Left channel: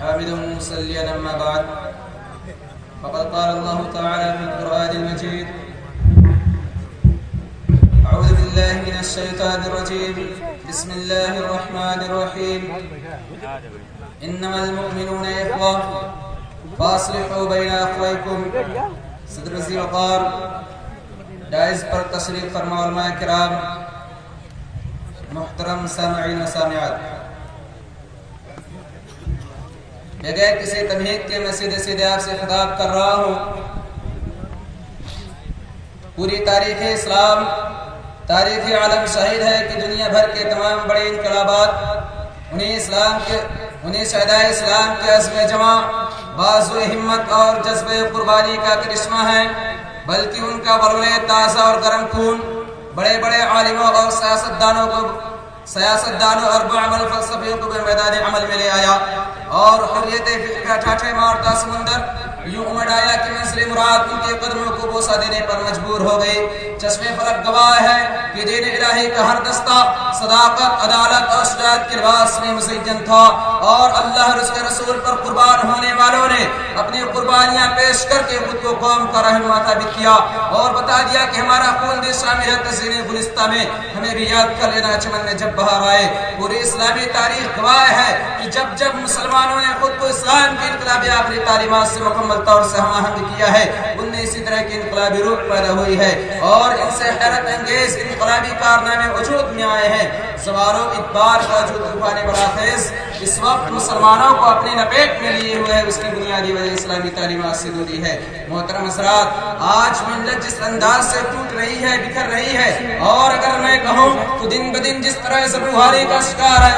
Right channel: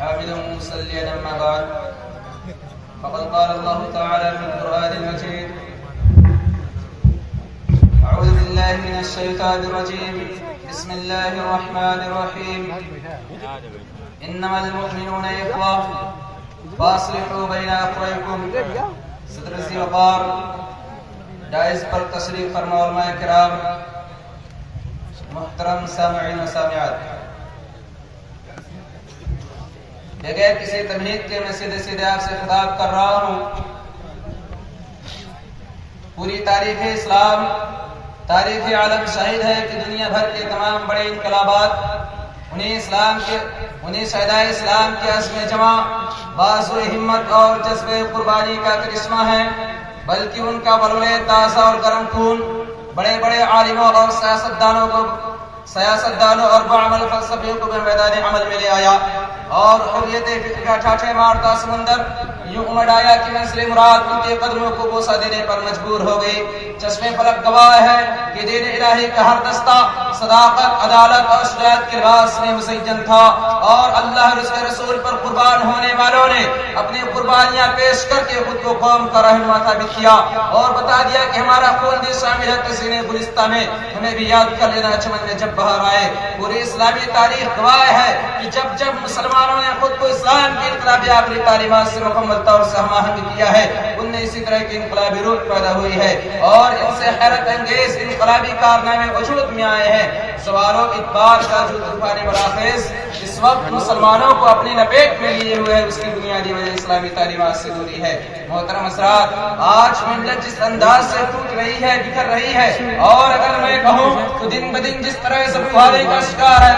حامدا مصليا أما بعد فقد قال الله تعالى في القرآن المجيد أعوذ بالله من الشيطان الرجيم بسم الله الرحمن الرحيم إنما المؤمنون إخوة فاصلحوا بين أخويكم صدر ذی وقار جائز پر تشریف فرما علماء کرام محترم سامعین و سامعات، بغیر کسی تمہید کے میں سیدھے آپ سے خطاب کر رہا ہوں۔ پوری تاریخ اسلام، تاریخ عالم شاہد ہے کہ دنیا بھر کے تمام بڑے انقلابات انہیں شہدائے اسلام کے عزم جمع، بازو ہمت اور جذب قربانی کا کرشمہ ہے، بلکہ ان کا ورلے تازہ اور گرم خون بڑے بڑے عالموں اور سیاستدانوں اور بعمل فلسفیوں کو میدان عمل میں لے آیا، اور حریت فکر کا ٹھاٹھے مارتا سمندر یوں امڑ آیا کہ منزل مراد ان کے قدموں کو بوسہ دینے پر مجبور ہو گئی۔ چشم فلک گواہ ہے کہ دین الہی کا ہر دستہ صداقت، عدالت اور شجاعت کے لباس میں مزین تھا، اور اللہ اور اس کے رسول پر قربان ہونے والوں نے اپنی قربانیاں پیش کر کے خود کو قوم کا رہنما ثابت کیا اور بتا دیا کہ ہمارا خون بھی شامل ہے تزئین گلستہ میں، ہمیں بھی یاد کر لینا چمن میں جب بہار آئے۔ پوری اسلامی تاریخ گواہ ہے کہ جب مسلمانوں نے خود کو اسلام کی انقلابی آخری تعلیمات سے مکمل طور سے ہم آہنگ کیا ہے، ان میں اسی طرح کی انقلابی روح پیدا ہوئی ہے اور ان سے حیرت انگیز انقلابی کارنامے وجود میں آئے ہیں۔ سوال و اعتبار کا جو طوفان براخیز اس وقت مسلمانوں کو اپنی لپیٹ میں لیے ہوئے ہے، اس کی بنیادی وجہ اسلامی تعلیمات سے دوری ہے۔ محترم حضرات، آج ملت جس انداز سے ٹوٹ رہی ہے، بکھر رہی ہے، اور اگر میں کہوں تو دن بدن جس طرح زبرداری کا شکار ہے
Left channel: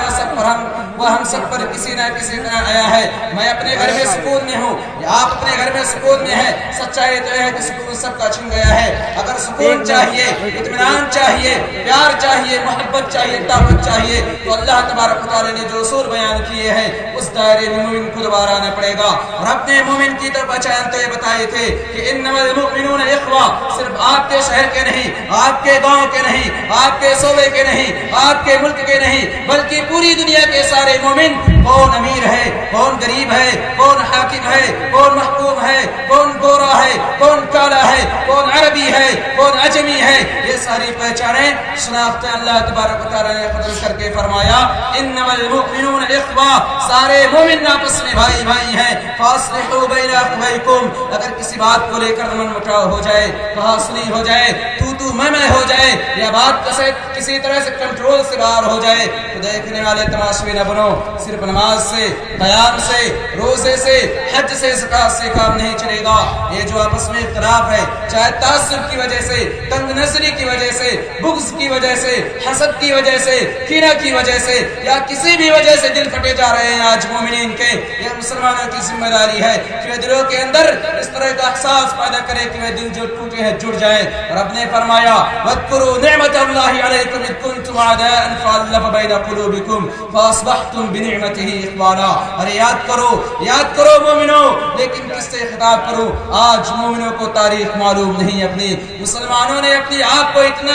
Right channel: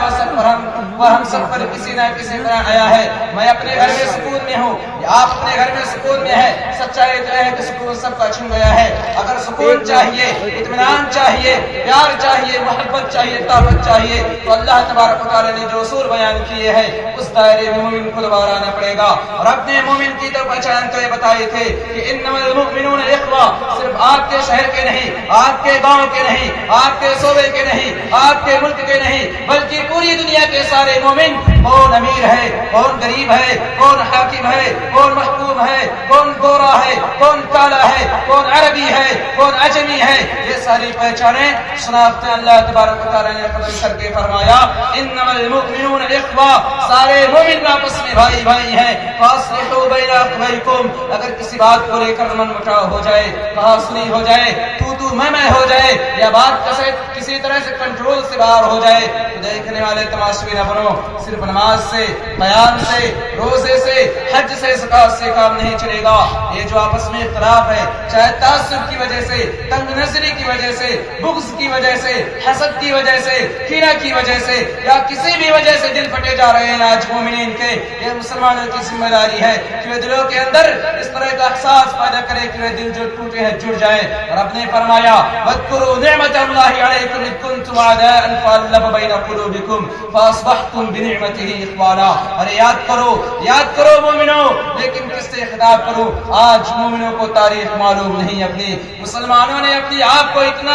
وہ ہم سب پر کسی نہ کسی طرح آیا ہے۔ میں اپنے گھر میں سکون میں ہوں یا آپ اپنے گھر میں سکون میں ہے، سچائی تو ہے کہ سکون سب کا چھن گیا ہے۔ اگر سکون چاہیے، اطمینان چاہیے، پیار چاہیے، محبت چاہیے، طاقت چاہیے، تو اللہ تبارک و تعالیٰ نے جو اصول بیان کیے ہیں اس دائرے میں مومن کو دوبارہ آنا پڑے گا۔ اور اپنے مومن کی تو پہچان تو یہ بتائے تھے کہ انما المؤمنون اخوہ، صرف آپ کے شہر کے نہیں، آپ کے گاؤں کے نہیں، آپ کے صوبے کے نہیں، آپ کے ملک کے نہیں، بلکہ پوری دنیا کے سارے مومن، کون امیر ہے، کون غریب ہے، کون حاکم ہے، کون محکوم ہے، کون گورا ہے، کون کالا ہے، کون عربی ہے، کون عجمی ہے، یہ ساری پہچانیں شناختیں اللہ تبارک و تعالیٰ نے قدر کر کے فرمایا انما المؤمنون اخوہ، سارے مومن آپس میں بھائی بھائی ہیں۔ فاصلحوا بین اخویکم، اگر کسی بات کو لے کر من مٹاؤ ہو جائے، کہا سنی ہو جائے، تو میں ہو جائے، یا بات کسی طرح سے کنٹرول سے باہر ہو جائے، تو دیکھنے والے تماشبین نہ بنو۔ صرف نماز سے، بیان سے، روزے سے، حج سے، زکات سے کام نہیں چلے گا۔ یہ جو آپس میں اختلاف ہے، چاہے تعصب کی وجہ سے، تنگ نظری کی وجہ سے، بغض کی وجہ سے، حسد کی وجہ سے، کینہ کی وجہ سے، یا کسی بھی وجہ سے دل پھٹے جا رہے ہیں آج مومنین کے، یہ مسلمانوں کی ذمہ داری ہے کہ وہ دلوں کے اندر اس طرح کا احساس پیدا کرے کہ وہ دل جو ٹوٹے ہیں جڑ جائیں۔ رب نے فرمایا وَاذْكُرُوا نِعْمَةَ اللَّهِ عَلَيْكُمْ إِذْ كُنْتُمْ أَعْدَاءً فَأَلَّفَ بَيْنَ قُلُوبِكُمْ فَأَصْبَحْتُمْ بِنِعْمَتِهِ إِخْوَانًا۔ اور یاد کرو مومنوں، لیکن کس سے خطاب کروں؟ آج مومنوں کو تاریخ معلوم نہیں، اپنی مسلمانوں نے اپنی آپ کو اتنا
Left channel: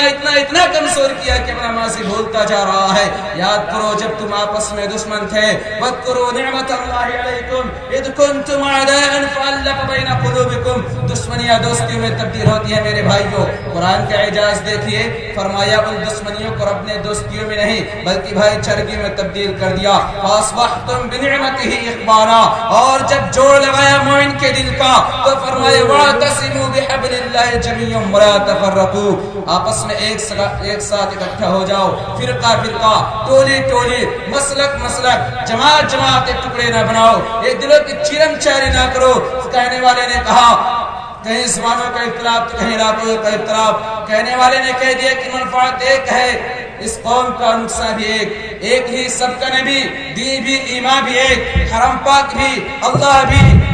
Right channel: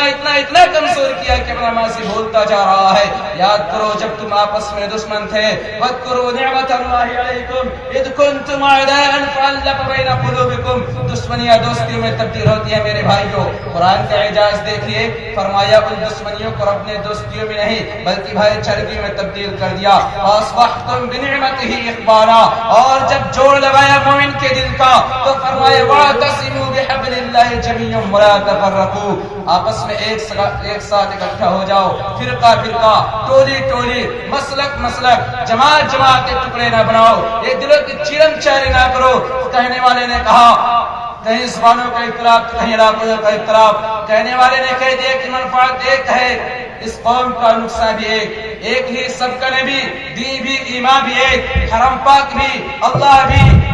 کمزور کیا کہ اپنا ماضی بھولتا جا رہا ہے۔ یاد کرو جب تم آپس میں دشمن تھے، وَاذْكُرُوا نِعْمَةَ اللَّهِ عَلَيْكُمْ إِذْ كُنْتُمْ أَعْدَاءً فَأَلَّفَ بَيْنَ قُلُوبِكُمْ۔ دشمنیاں دوستیوں میں تبدیل ہوتی ہیں میرے بھائیوں۔ قرآن کا اعجاز دیکھیے، فرمایا ان دشمنیوں کو اپنے دوستیوں میں نہیں بلکہ بھائی چارگی میں تبدیل کر دیا۔ فَأَصْبَحْتُمْ بِنِعْمَتِهِ إِخْوَانًا، اور جب جوڑ لگایا مومن کے دل کا تو فرمایا وَاعْتَصِمُوا بِحَبْلِ اللَّهِ جَمِيعًا وَلَا تَفَرَّقُوا، آپس میں ایک ساتھ اکٹھا ہو جاؤ، فرقہ ٹولی، مسلک جماعت کے ٹکڑے نہ بناؤ، یہ دلوں کی چیرن چارے نہ کرو۔ کہنے والے نے کہا کہیں زبانوں کا اختلاف تو کہیں علاقوں کا اختلاف، کہنے والے نے کہہ دیا کہ منفعت ایک ہے، اس قوم کا نقصان بھی ایک ہی، سب کا نبی، دین بھی، ایمان بھی ایک، حرم پاک بھی، اللہ بھی،